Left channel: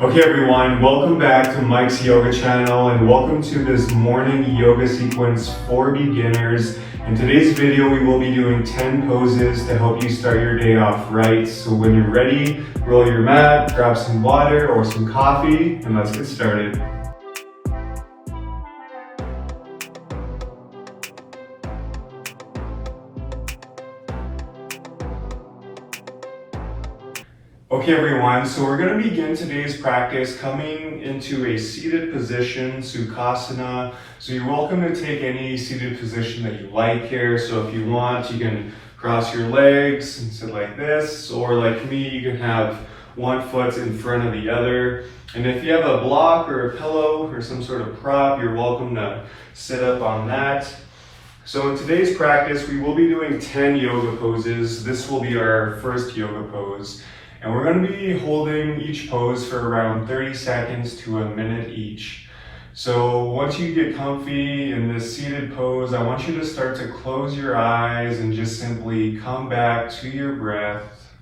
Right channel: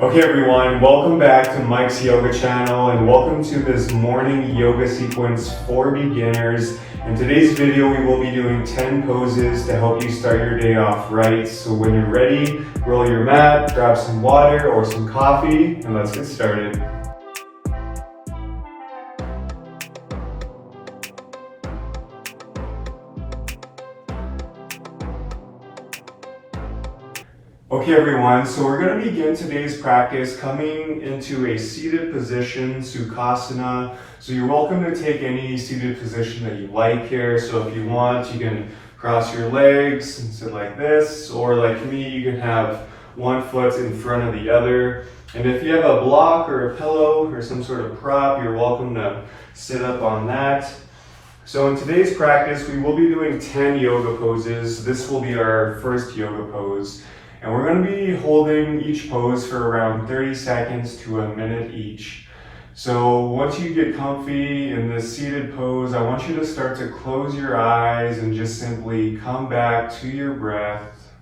Okay everyone, welcome back to Mike's Yoga channel and welcome to this morning yoga sequence for beginners. In today's video we will be doing 10 poses to help you start your day off right. So when you're ready, roll your mat, grab some water or some coffee, and let's get started. Okay everyone, so we're going to begin today's practice coming into a seated position, Sukhasana. So you're welcome to take any seated position that you like here. So if you want, you can cross your legs and sit like this, or like me, you can have one foot in front of the other. And if you have a block or a pillow or some sort of prop, you're welcome to sit up on that. So in today's practice, we will be doing 10 yoga poses. This will be our first yoga pose. And we're going to be holding each pose for around 30 seconds to a minute each. So once you get comfy in this seated pose, I want you to start to close your eyes and just simply come back to your breath.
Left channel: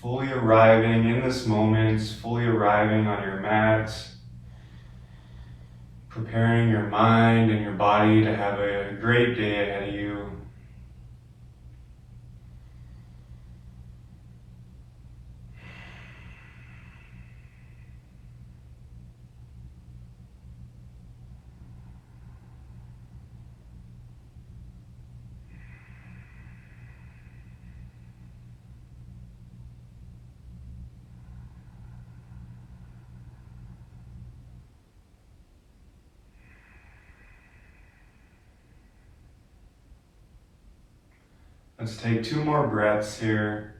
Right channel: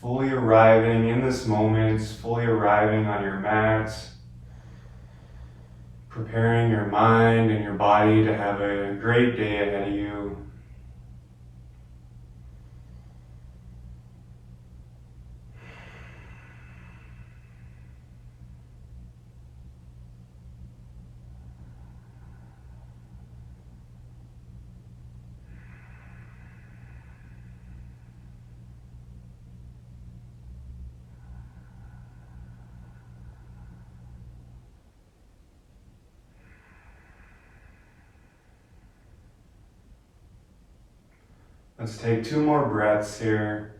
Fully arriving in this moment, fully arriving on your mat. Preparing your mind and your body to have a great day ahead of you. Let's take 2 more breaths here.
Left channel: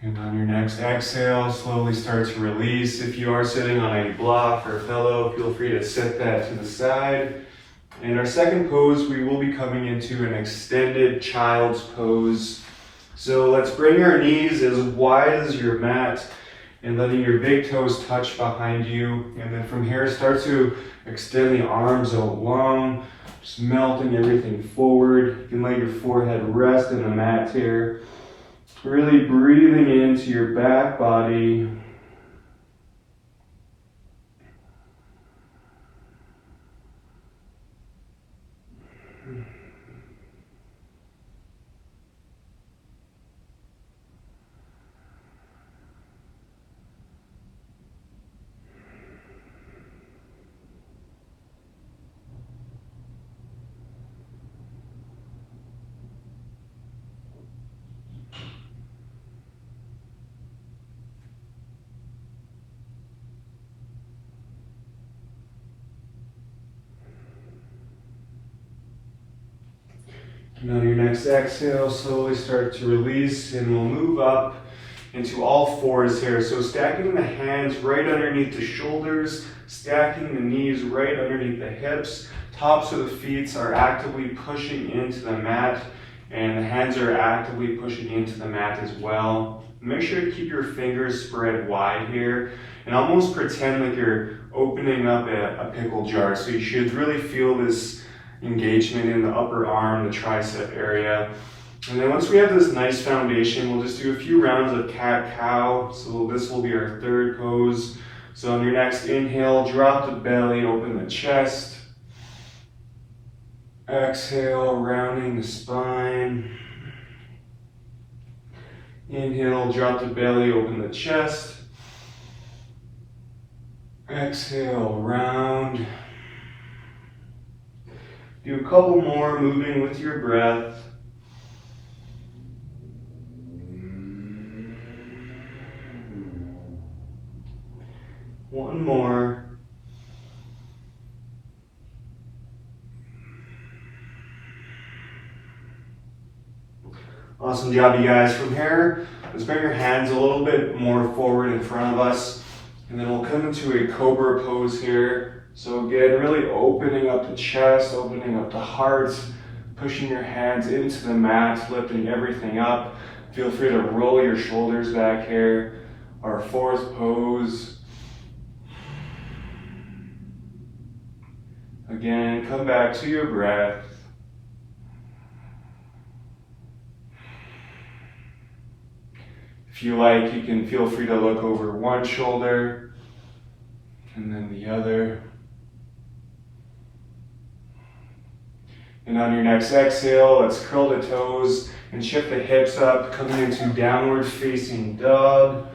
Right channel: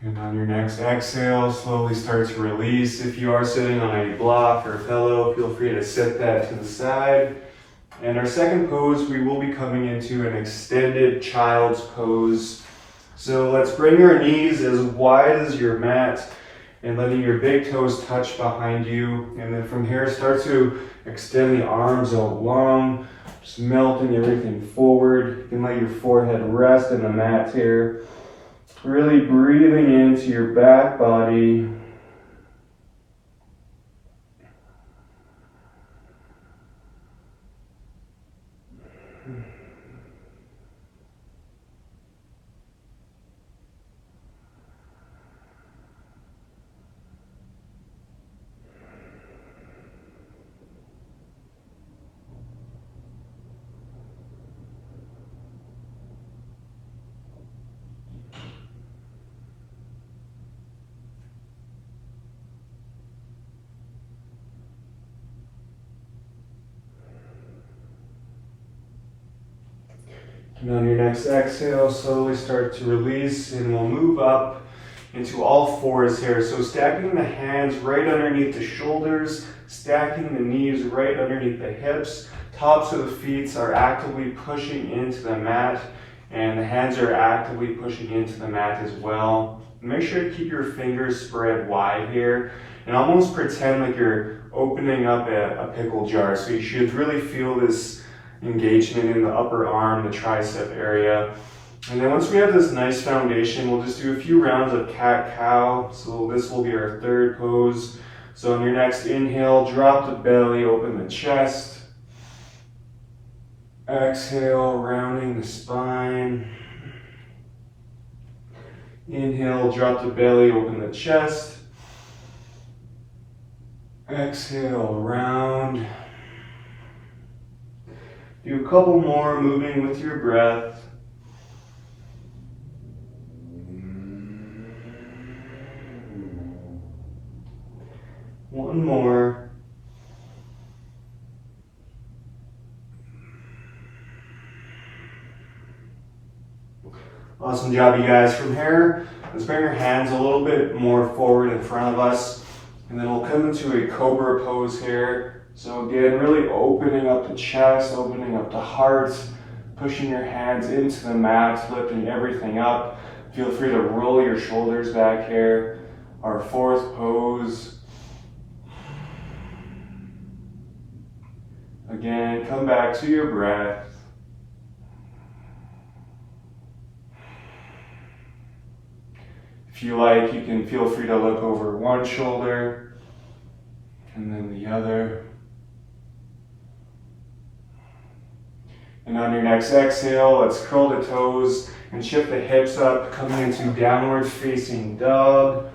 And on your next exhale, slowly start to release. If you are sitting on a block or a pillow, feel free to sit that to the side. And our second pose, we will be coming into an extended child's pose. So let's bring our knees as wide as your mat and letting your big toes touch behind you. And then from here, start to extend the arms out long, just melting everything forward. You can let your forehead rest in the mat here. Really breathing into your back body. And on your next exhale, slowly start to release, and we'll move up into all fours here. So stacking the hands right underneath the shoulders, stacking the knees right underneath the hips. Tops of the feet are actively pushing into the mat, and the hands are actively pushing into the mat as well. Make sure to keep your fingers spread wide here, and almost pretend like you're opening up a pickle jar. So you should really feel this engagement in the upper arm, the tricep area. And then once we have this nice foundation, we'll just do a few rounds of cat-cow. So this will be our third pose. So on your next inhale, drop the belly, open the chest. Exhale, rounding the spine. Inhale, drop the belly, open the chest. Exhale, round. Do a couple more, moving with your breath. One more. Awesome job, you guys. From here, let's bring your hands a little bit more forward in front of us, and then we'll come into a cobra pose here. So again, really opening up the chest, opening up the heart, pushing your hands into the mat, lifting everything up. Feel free to roll your shoulders back here. our fourth pose. Again, come back to your breath. If you like, you can feel free to look over one shoulder and then the other. And on your next exhale, let's curl the toes and shift the hips up, coming into downward facing dog.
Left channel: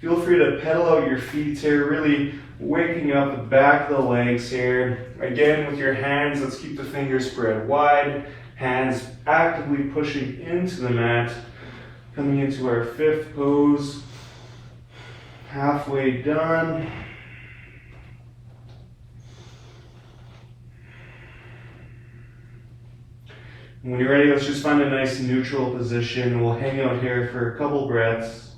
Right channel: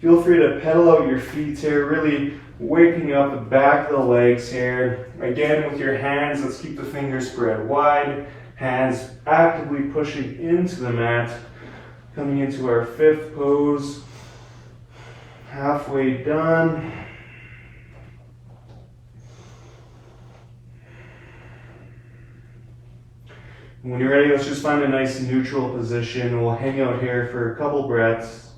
Feel free to pedal out your feet here, really waking up the back of the legs here. Again, with your hands, let's keep the fingers spread wide, hands actively pushing into the mat. Coming into our fifth pose, halfway done. When you're ready, let's just find a nice neutral position. We'll hang out here for a couple breaths.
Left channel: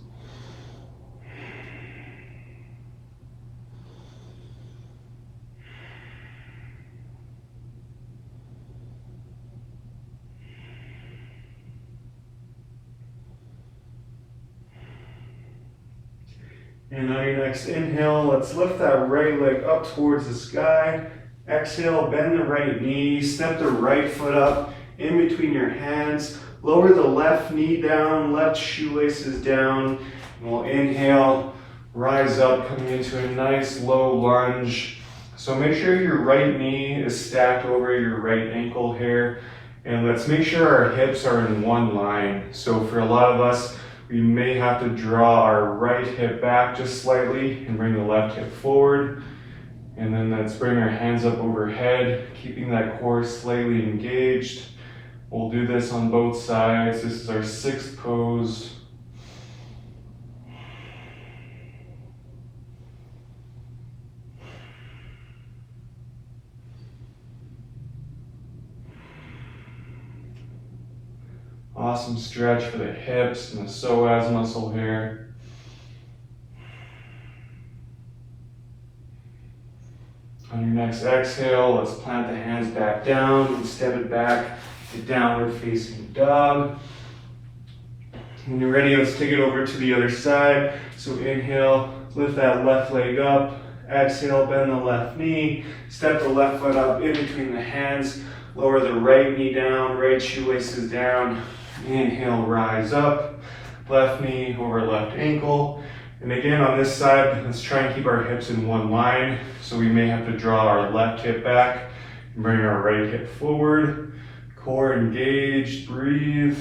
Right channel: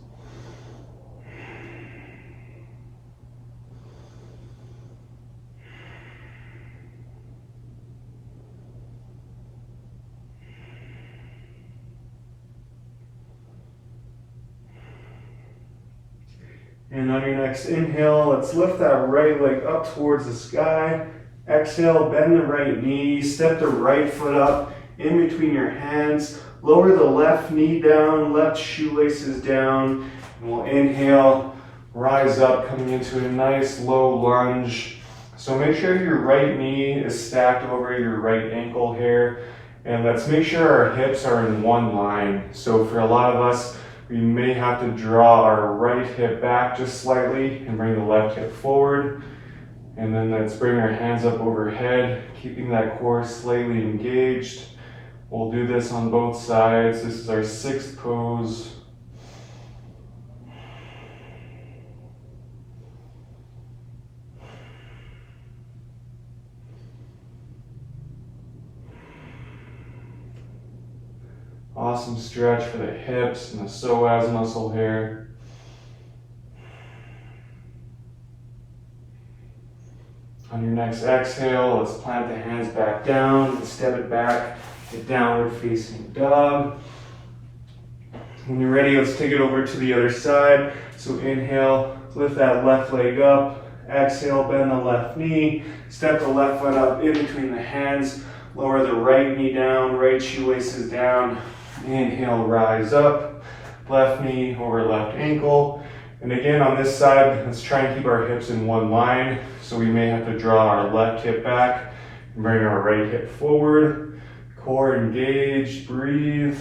And on your next inhale, let's lift that right leg up towards the sky. Exhale, bend the right knee, step the right foot up in between your hands. Lower the left knee down, left shoelaces down. And we'll inhale, rise up, coming into a nice low lunge. So make sure your right knee is stacked over your right ankle here. And let's make sure our hips are in one line. So for a lot of us, we may have to draw our right hip back just slightly and bring the left hip forward. And then let's bring our hands up overhead, keeping that core slightly engaged. We'll do this on both sides. This is our sixth pose. Awesome stretch for the hips and the psoas muscle here. On your next exhale, let's plant the hands back down and step it back to downward facing dog. When you're ready, let's take it over to the other side. So inhale, lift that left leg up. Exhale, bend the left knee. Step the left foot up in between the hands. Lower the right knee down, right shoelaces down. Inhale, rise up, left knee over left ankle. And again, on this side, let's try and keep our hips in one line. So we may have to draw our left hip back and bring our right hip forward. Core engaged, breathe.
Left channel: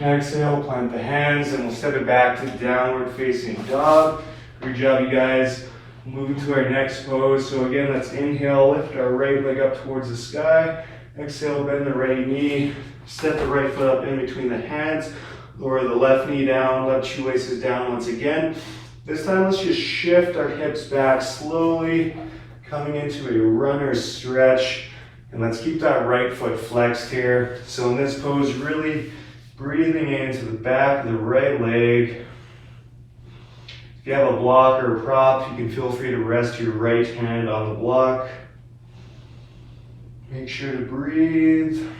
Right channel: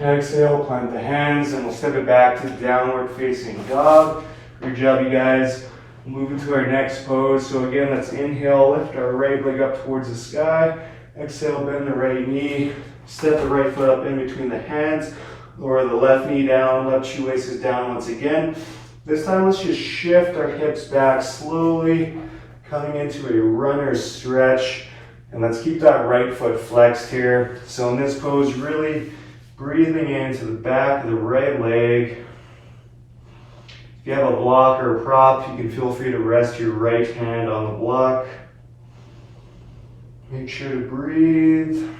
Exhale, plant the hands, and we'll step it back to downward facing dog. Good job, you guys. Moving to our next pose. So again, let's inhale, lift our right leg up towards the sky. Exhale, bend the right knee. Step the right foot up in between the hands. Lower the left knee down, left shoelaces down once again. This time, let's just shift our hips back slowly, coming into a runner's stretch. And let's keep that right foot flexed here. So in this pose, really breathing into the back of the right leg. If you have a block or a prop, you can feel free to rest your right hand on the block. Make sure to breathe.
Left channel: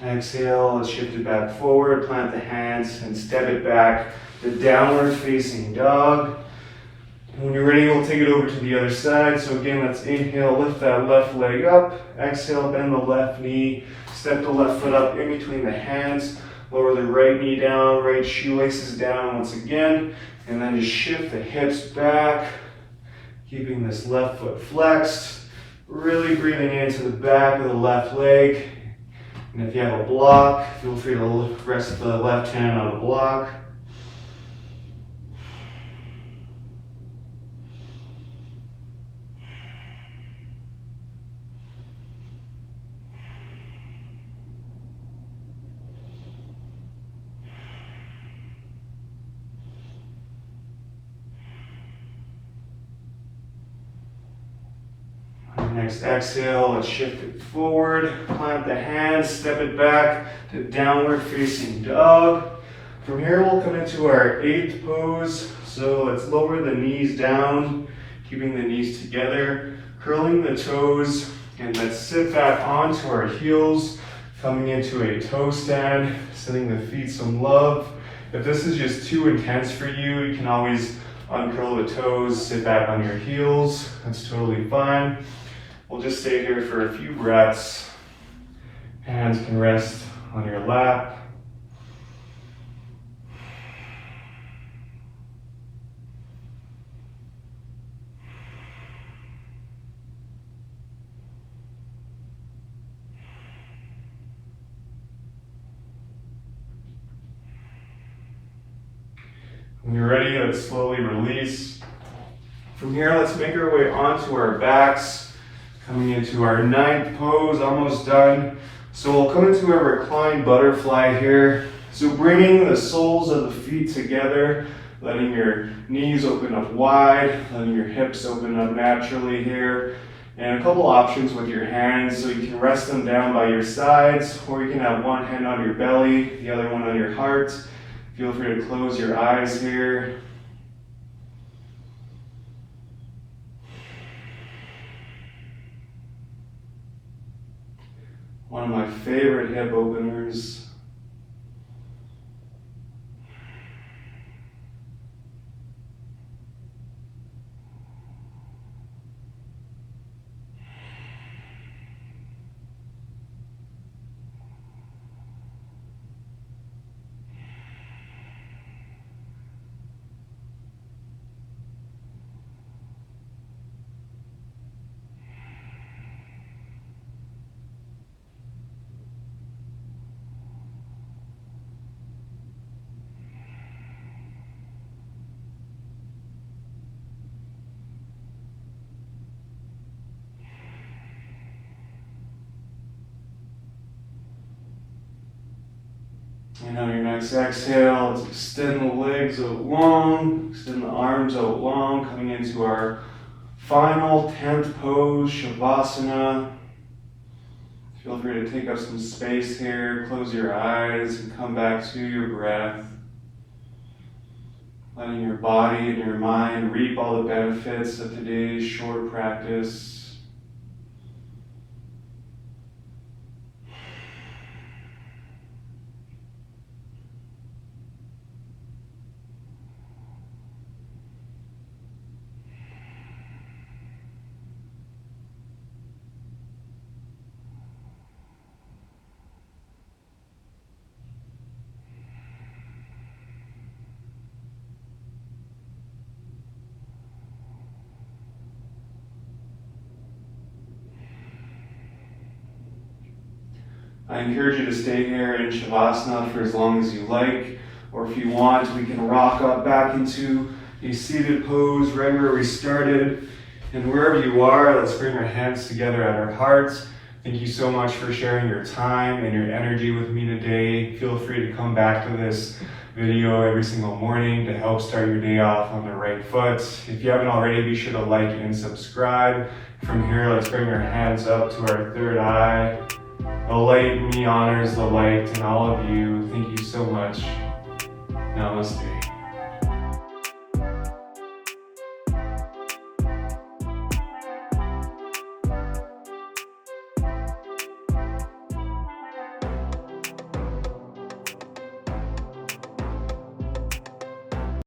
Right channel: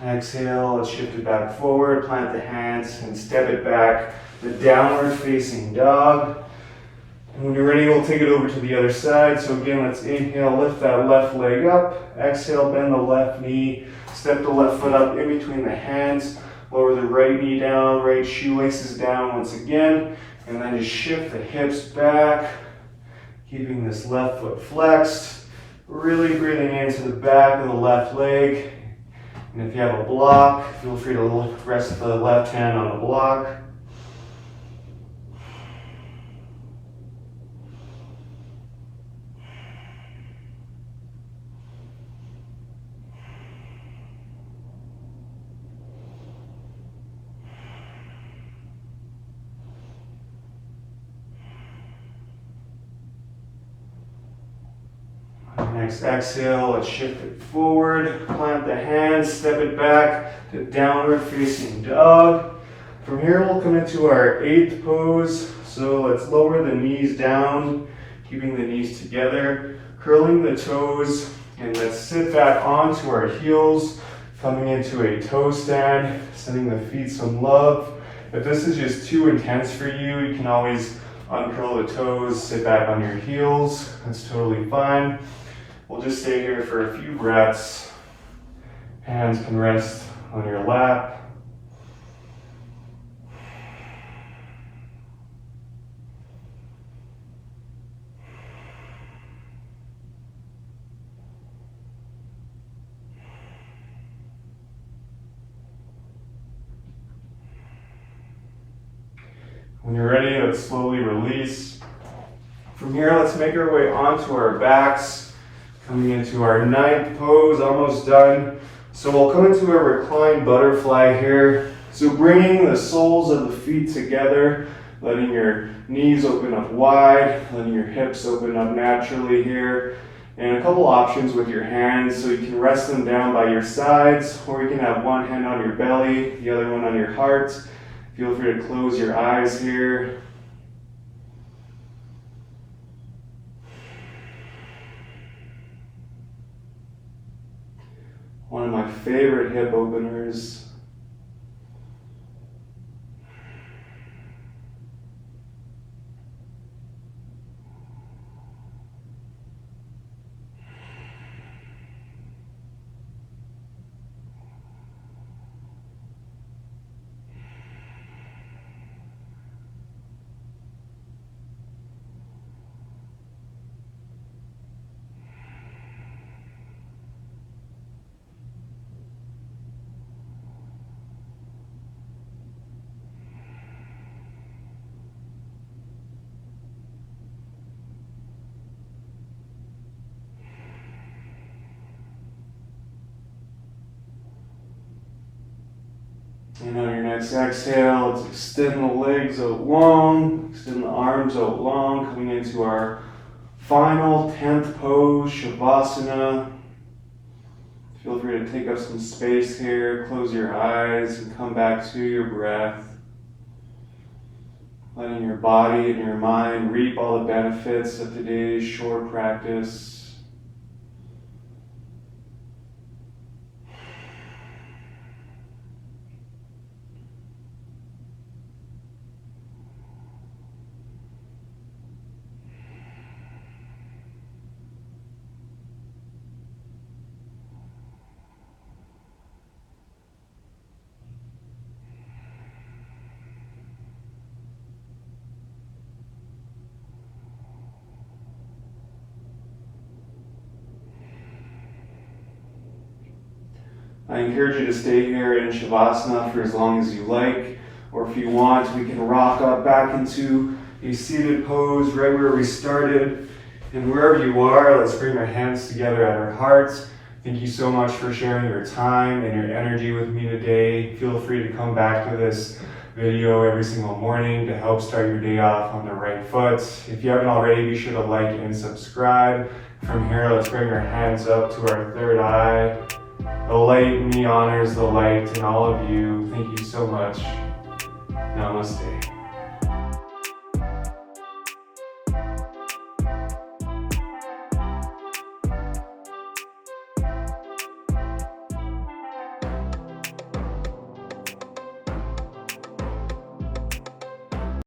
Exhale, let's shift it back forward, plant the hands and step it back to downward facing dog. And when you're ready, we'll take it over to the other side. So again, let's inhale, lift that left leg up. Exhale, bend the left knee, step the left foot up in between the hands. Lower the right knee down, right shoelaces down once again. And then just shift the hips back, keeping this left foot flexed. Really breathing into the back of the left leg. And if you have a block, feel free to rest the left hand on a block. Next exhale, let's shift it forward, plant the hands, step it back to downward facing dog. From here, we'll come into our 8th pose. So let's lower the knees down, keeping the knees together, curling the toes, and let's sit back onto our heels, coming into a toe stand, sending the feet some love. If this is just too intense for you, you can always uncurl the toes, sit back on your heels. That's totally fine. We'll just stay here for a few breaths. Hands can rest on your lap. When you're ready, let's slowly release. From here, let's make our way onto our backs, coming into our 9th pose, almost done. So we'll come into a reclined butterfly here. So bringing the soles of the feet together, letting your knees open up wide, letting your hips open up naturally here. And a couple options with your hands, so you can rest them down by your sides, or you can have one hand on your belly, the other one on your heart. Feel free to close your eyes here. One of my favorite hip openers. And on your next exhale, let's extend the legs out long, extend the arms out long, coming into our final 10th pose, Shavasana. Feel free to take up some space here, close your eyes, and come back to your breath. Letting your body and your mind reap all the benefits of today's short practice. I encourage you to stay here in Shavasana for as long as you like, or if you want, we can rock up back into a seated pose right where we started. And wherever you are, let's bring our hands together at our hearts. Thank you so much for sharing your time and your energy with me today. Feel free to come back to this video every single morning to help start your day off on the right foot. If you haven't already, be sure to like and subscribe. From here, let's bring our hands up to our third eye. The light in me honors the light in all of you. Thank you so much. Namaste.